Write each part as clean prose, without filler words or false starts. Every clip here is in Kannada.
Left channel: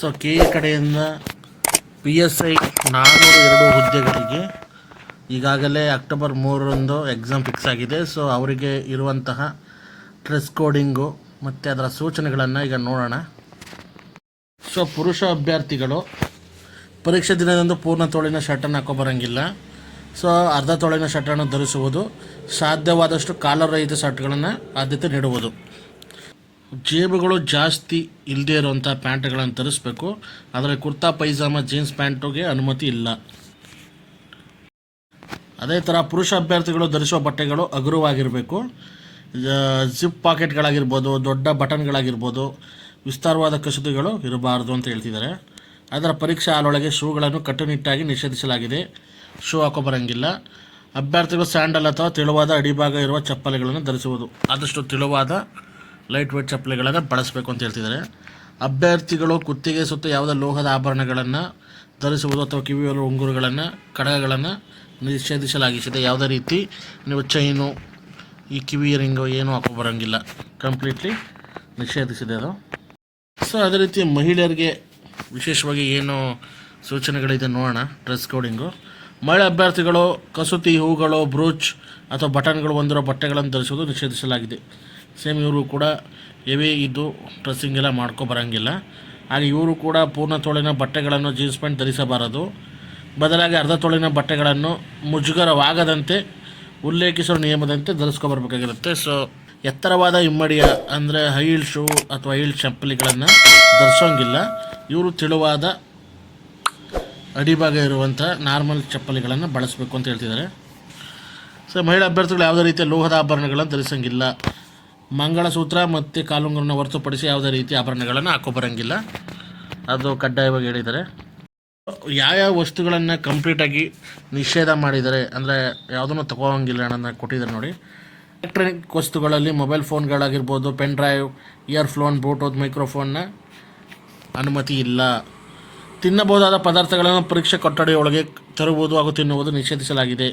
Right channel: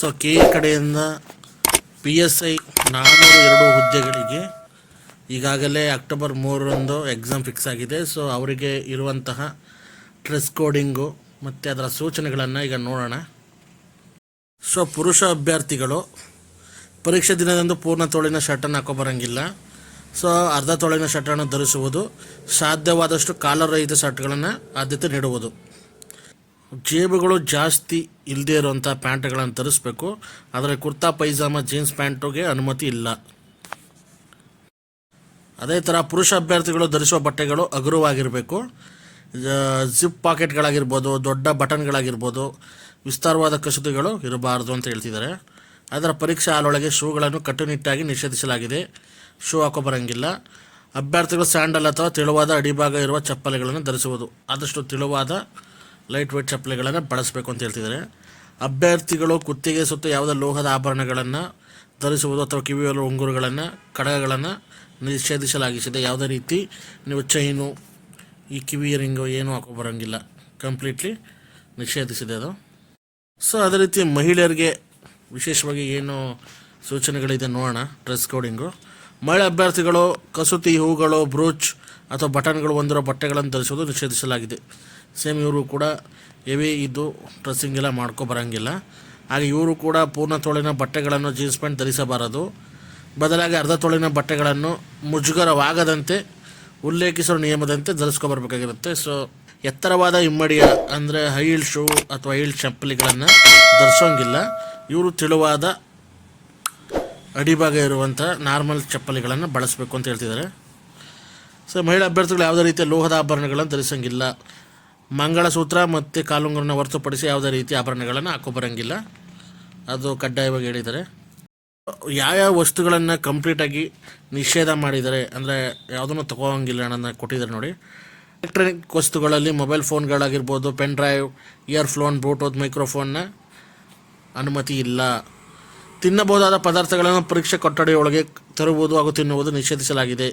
ಸೊ ಕೆ ಕಡೆಯಿಂದ PSI 402 ಹುದ್ದೆಗಳಿಗೆ ಈಗಾಗಲೇ ಅಕ್ಟೋಬರ್ 3ರಂದು ಎಕ್ಸಾಮ್ ಫಿಕ್ಸ್ ಆಗಿದೆ. ಸೊ ಅವರಿಗೆ ಇರುವಂತಹ ಡ್ರೆಸ್ ಕೋಡಿಂಗು ಮತ್ತು ಅದರ ಸೂಚನೆಗಳನ್ನು ಈಗ ನೋಡೋಣ. ಸೊ ಪುರುಷ ಅಭ್ಯರ್ಥಿಗಳು ಪರೀಕ್ಷೆ ದಿನದಂದು ಪೂರ್ಣ ತೋಳಿನ ಶರ್ಟನ್ನು ಹಾಕೋಬರಂಗಿಲ್ಲ. ಸೊ ಅರ್ಧ ತೋಳಿನ ಶರ್ಟನ್ನು ಧರಿಸುವುದು, ಸಾಧ್ಯವಾದಷ್ಟು ಕಾಲರ್ ರಹಿತ ಶರ್ಟ್ಗಳನ್ನು ಆದ್ಯತೆ ನೀಡುವುದು. ಜೇಬುಗಳು ಜಾಸ್ತಿ ಇಲ್ಲದೆ ಇರುವಂಥ ಪ್ಯಾಂಟ್ಗಳನ್ನು ಧರಿಸಬೇಕು. ಆದರೆ ಕುರ್ತಾ ಪೈಜಾಮ ಜೀನ್ಸ್ ಪ್ಯಾಂಟುಗೆ ಅನುಮತಿ ಇಲ್ಲ. ಅದೇ ಥರ ಪುರುಷ ಅಭ್ಯರ್ಥಿಗಳು ಧರಿಸುವ ಬಟ್ಟೆಗಳು ಹಗುರವಾಗಿರಬೇಕು. ಜಿಪ್ ಪಾಕೆಟ್ಗಳಾಗಿರ್ಬೋದು, ದೊಡ್ಡ ಬಟನ್ಗಳಾಗಿರ್ಬೋದು, ವಿಸ್ತಾರವಾದ ಕಸೂತಿಗಳು ಇರಬಾರ್ದು ಅಂತ ಹೇಳ್ತಿದ್ದಾರೆ. ಅದರ ಪರೀಕ್ಷಾ ಹಾಲೊಳಗೆ ಶೂಗಳನ್ನು ಕಟ್ಟುನಿಟ್ಟಾಗಿ ನಿಷೇಧಿಸಲಾಗಿದೆ. ಶೂ ಹಾಕೋಬರಂಗಿಲ್ಲ. ಅಭ್ಯರ್ಥಿಗಳು ಸ್ಯಾಂಡಲ್ ಅಥವಾ ತೆಳುವಾದ ಅಡಿಭಾಗ ಇರುವ ಚಪ್ಪಲಿಗಳನ್ನು ಧರಿಸುವುದು. ಆದಷ್ಟು ತೆಳುವಾದ ಲೈಟ್ ವೇಟ್ ಚಪ್ಪಲಿಗಳನ್ನು ಬಳಸಬೇಕು ಅಂತ ಹೇಳ್ತಿದ್ದಾರೆ. ಅಭ್ಯರ್ಥಿಗಳು ಕುತ್ತಿಗೆ ಸುತ್ತ ಯಾವುದೇ ಲೋಹದ ಆಭರಣಗಳನ್ನು ಧರಿಸುವುದು ಅಥವಾ ಕಿವಿಯಲ್ಲಿರುವ ಉಂಗುರಗಳನ್ನು, ಕಡಗಗಳನ್ನು ನಿಷೇಧಿಸಲಾಗಿದೆ. ಯಾವುದೇ ರೀತಿ ನೀವು ಚೈನು, ಈ ಕಿವಿ ರಿಂಗು ಏನೂ ಹಾಕೋಬರಂಗಿಲ್ಲ, ಕಂಪ್ಲೀಟ್ಲಿ ನಿಷೇಧಿಸಿದೆ ಅದು. ಸೊ ಅದೇ ರೀತಿ ಮಹಿಳೆಯರಿಗೆ ವಿಶೇಷವಾಗಿ ಏನು ಸೂಚನೆಗಳಿದೆ ನೋಡೋಣ. ಡ್ರೆಸ್ ಕೋಡಿಂಗು: ಮಹಿಳಾ ಅಭ್ಯರ್ಥಿಗಳು ಕಸೂತಿ, ಹೂಗಳು, ಬ್ರೂಚ್ ಅಥವಾ ಬಟನ್ಗಳು ಹೊಂದಿರುವ ಬಟ್ಟೆಗಳನ್ನು ಧರಿಸುವುದು ನಿಷೇಧಿಸಲಾಗಿದೆ. ಸೇಮ್ ಇವರು ಕೂಡ ಹೆವಿ ಇದು ಡ್ರೆಸ್ಸಿಂಗ್ ಎಲ್ಲ ಮಾಡ್ಕೊಬರಂಗಿಲ್ಲ. ಹಾಗೆ ಇವರು ಕೂಡ ಪೂರ್ಣ ತೋಳಿನ ಬಟ್ಟೆಗಳನ್ನು, ಜೀನ್ಸ್ ಪ್ಯಾಂಟ್ ಧರಿಸಬಾರದು. ಬದಲಾಗಿ ಅರ್ಧ ತೋಳಿನ ಬಟ್ಟೆಗಳನ್ನು ಮುಜುಗರವಾಗದಂತೆ ಉಲ್ಲೇಖಿಸುವ ನಿಯಮದಂತೆ ಧರಿಸ್ಕೊಬರ್ಬೇಕಾಗಿರುತ್ತೆ. ಸೊ ಎತ್ತರವಾದ ಹಿಮ್ಮಡಿಯ ಅಂದರೆ ಹೈಲ್ ಶೂ ಅಥವಾ ಹೈಲ್ ಚಪ್ಪಲಿಗಳನ್ನು ಧರಿಸೋಂಗಿಲ್ಲ. ಇವರು ತೆಳುವಾದ ಅಡಿಭಾಗ ಇರುವಂಥ ನಾರ್ಮಲ್ ಚಪ್ಪಲಿಗಳನ್ನು ಬಳಸಬೇಕು ಅಂತ ಹೇಳ್ತಿದ್ದಾರೆ. ಸೊ ಮಹಿಳಾ ಅಭ್ಯರ್ಥಿಗಳು ಯಾವುದೇ ರೀತಿಯ ಲೋಹದ ಆಭರಣಗಳನ್ನು ಧರಿಸೋಂಗಿಲ್ಲ. ಮಂಗಳಸೂತ್ರ ಮತ್ತು ಕಾಲುಂಗುರನ ಹೊರತುಪಡಿಸಿ ಯಾವುದೇ ರೀತಿಯ ಆಭರಣಗಳನ್ನು ಹಾಕೋಬರಂಗಿಲ್ಲ, ಅದು ಕಡ್ಡಾಯವಾಗಿ ಹೇಳಿದ್ದಾರೆ. ಯಾವ್ಯಾವ ವಸ್ತುಗಳನ್ನು ಕಂಪ್ಲೀಟಾಗಿ ನಿಷೇಧ ಮಾಡಿದ್ದಾರೆ ಅಂದರೆ ಯಾವುದನ್ನು ತೊಗೋಂಗಿಲ್ಲ ಅನ್ನೋದನ್ನ ಕೊಟ್ಟಿದ್ದಾರೆ ನೋಡಿ. ಎಲೆಕ್ಟ್ರಾನಿಕ್ ವಸ್ತುಗಳಲ್ಲಿ ಮೊಬೈಲ್ ಫೋನ್ಗಳಾಗಿರ್ಬೋದು, ಪೆನ್ ಡ್ರೈವ್, ಇಯರ್ಫೋನ್, ಬ್ಲೂಟೂತ್ ಮೈಕ್ರೋಫೋನ್ನ ಅನುಮತಿ ಇಲ್ಲ. ತಿನ್ನಬಹುದಾದ ಪದಾರ್ಥಗಳನ್ನು ಪರೀಕ್ಷೆ ಕೊಠಡಿಯೊಳಗೆ ತರುವುದು ಹಾಗೂ ತಿನ್ನುವುದು ನಿಷೇಧಿಸಲಾಗಿದೆ.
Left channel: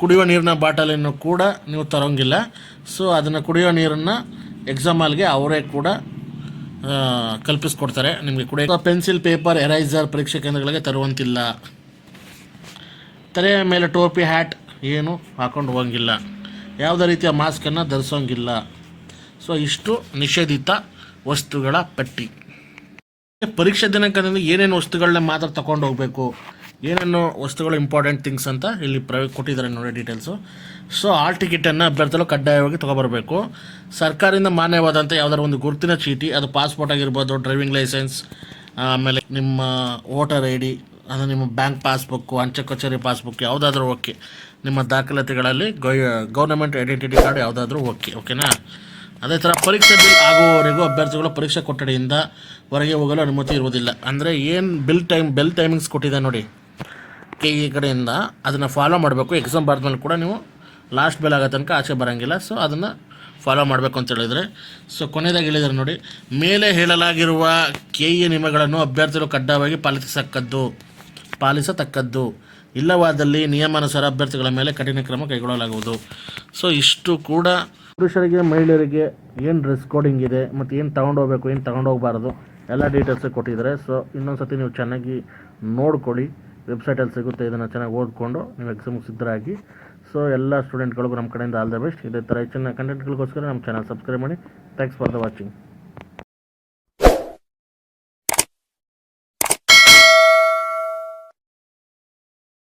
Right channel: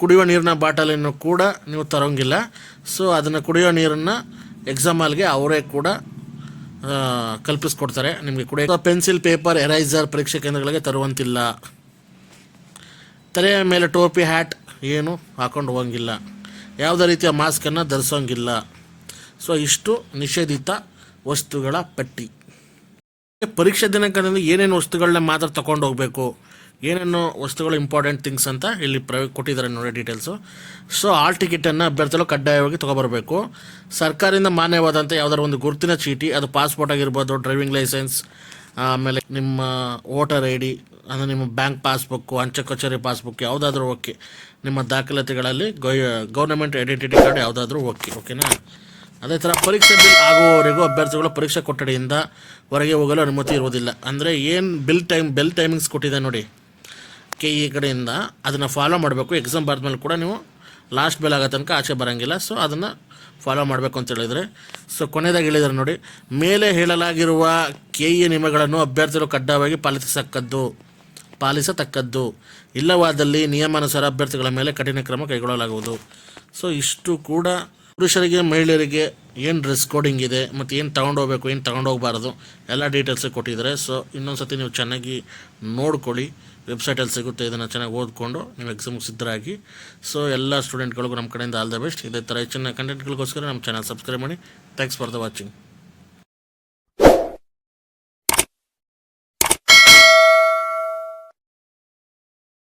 ಕುಡಿಯುವ ನೀರಿನ ಬಾಟಲನ್ನು ಕೂಡ ನೀವು ತರೋಂಗಿಲ್ಲ. ಸೊ ಅದನ್ನು ಕುಡಿಯುವ ನೀರನ್ನು ಎಕ್ಸಾಮ್ ಹಾಲ್ಗೆ ಅವರೇ ಕೂಡ ಕಲ್ಪಿಸ್ಕೊಡ್ತಾರೆ ನಿಮಗೆ ಕುಡಿಯೋ. ಪೆನ್ಸಿಲ್, ಪೇಪರ್, ಎರೈಸರ್ ಪರೀಕ್ಷೆ ಕೇಂದ್ರಗಳಿಗೆ ತರುವಂತಿಲ್ಲ. ತಲೆಯ ಮೇಲೆ ಟೋಪಿ, ಹ್ಯಾಟ್ ಏನು ಹಾಕೊಂಡು ಹೋಗಂಗಿಲ್ಲ. ಯಾವುದೇ ರೀತಿಯ ಮಾಸ್ಕನ್ನು ಧರಿಸೋಂಗಿಲ್ಲ. ಸೊ ಇಷ್ಟು ನಿಷೇಧಿತ ವಸ್ತುಗಳ ಪಟ್ಟಿ. ಪರೀಕ್ಷೆ ದಿನಾಂಕದಿಂದ ಏನೇನು ವಸ್ತುಗಳನ್ನ ಮಾತ್ರ ತಗೊಂಡು ಹೋಗಬೇಕು, ಏನೇನು ವಸ್ತುಗಳು ಇಂಪಾರ್ಟೆಂಟ್ ಥಿಂಗ್ಸ್ ಅಂತ ಇಲ್ಲಿ ಕೊಟ್ಟಿದ್ದಾರೆ ನೋಡಿ ಡೀಟೇಲ್ಸು. ಸೊ ಆಲ್ ಟಿಕೆಟನ್ನು ಅಭ್ಯರ್ಥಿಗಳು ಕಡ್ಡಾಯವಾಗಿ ತೊಗೊಬರಬೇಕು. ಸರ್ಕಾರದಿಂದ ಮಾನ್ಯವಾದಂಥ ಯಾವುದಾದ್ರು ಒಂದು ಗುರುತಿನ ಚೀಟಿ, ಅದು ಪಾಸ್ಪೋರ್ಟ್ ಆಗಿರ್ಬೋದು, ಡ್ರೈವಿಂಗ್ ಲೈಸೆನ್ಸ್, ಆಮೇಲೆ ನಿಮ್ಮ ವೋಟರ್ ID, ಅಂದರೆ ನಿಮ್ಮ ಬ್ಯಾಂಕ್ ಪಾಸ್ಬುಕ್ಕು, ಅಂಚೆ ಕಚೇರಿ ಪಾಸ್ಬುಕ್ ಯಾವುದಾದ್ರೂ ಓಕೆ. ನಿಮ್ಮ ದಾಖಲಾತಿಗಳಲ್ಲಿ ಗೌರ್ಮೆಂಟ್ ಐಡೆಂಟಿಟಿ ಕಾರ್ಡ್ ಯಾವುದಾದ್ರೂ ಓಕೆನಾ. ಅದೇ ಥರ ಪರೀಕ್ಷೆ ಆಗುವವರೆಗೂ ಅಭ್ಯರ್ಥಿಗಳು ಪರೀಕ್ಷಾ ಕೊಠಡಿಯಿಂದ ಹೊರಗೆ ಹೋಗಲು ಅನುಮತಿ ಇರುವುದಿಲ್ಲ. ಅಂದರೆ ಏನು ಬೆಲ್ ಟೈಮಿಂಗ್ಸ್ ಕೊಟ್ಟಿದೆ ನೋಡಿ KE ಕಡೆಯಿಂದ, ಅದನ್ನು ಫಾಲೋ ಮಾಡಬೇಕು. ಎಕ್ಸಾಮ್ ಬರೆದ್ಮೇಲೆ ಕೂಡ ನೀವು ಲಾಸ್ಟ್ ಬೆಲ್ ಆಗೋ ತನಕ ಆಚೆ ಬರೋಂಗಿಲ್ಲ. ಸೊ ಅದನ್ನು ಫಾಲೋ ಮಾಡಬೇಕು ಅಂತ ಹೇಳಿದರೆ. ಸೊ ಕೊನೆಯದಾಗಿ ಹೇಳಿದ್ದಾರೆ ನೋಡಿ, ಮೇಲೆ ಹೇಳಲಾಗಿರುವ KE ನಿಯಮಗಳನ್ನು ಅಭ್ಯರ್ಥಿಗಳು ಕಡ್ಡಾಯವಾಗಿ ಪಾಲಿಸತಕ್ಕದ್ದು. ಇಲ್ಲವಾದಲ್ಲಿ ನಿಯಮಾನುಸಾರ ಅಭ್ಯರ್ಥಿಗಳ ಮೇಲೆ ಕಠಿಣ ಕ್ರಮ ಕೈಗೊಳ್ಳಲಾಗುವುದು. ಸೊ ಇಷ್ಟು ಕೂಡ ಪುರುಷರಿಗೆ ಮಹಿಳೆಯರಿಗೆ ಏನು ಡ್ರೆಸ್ ಕೋಡಿಂಗ್ ಇದೆ ಮತ್ತು ಏನು ತೊಗೊಂಡೋಗ್ಬೇಕು, ಏನು ತೊಗೊಂಡೋಗ್ಬಾರ್ದು ಎಲ್ಲ ಡೀಟೇಲ್ಸ್ ಕೊಟ್ಟಿದ್ದಾರೆ. ಸೊ ಇನ್ನೊಂದು ಸತಿ ನೀವು ಚೆನ್ನಾಗಿ ನೋಡ್ಕೊಳ್ಳಿ, ವೆಬ್ಸೈಟಲ್ಲಿ ಸಿಗುತ್ತೆ. ಇದನ್ನು ಚೆನ್ನಾಗಿ ಓದ್ಕೊಂಡು ನೀವು ಎಕ್ಸಾಮ್ಗೆ ಸಿದ್ಧರಾಗಿ. ಸೊ ಎಲ್ಲ ಸ್ಟೂಡೆಂಟ್ಗಳಿಗೂ ನಮ್ಮ ಕಡೆಯಿಂದ ಆಲ್ ದ ಬೆಸ್ಟ್. ಇದೇ ಥರ ಹೆಚ್ಚಿನ ಕಂಟೆಂಟ್ಗಳಿಗೋಸ್ಕರ ನಮ್ಮ ಚಾನಲ್ ಸಬ್ಸ್ಕ್ರೈಬ್ ಮಾಡಿ. Thanks for the watching.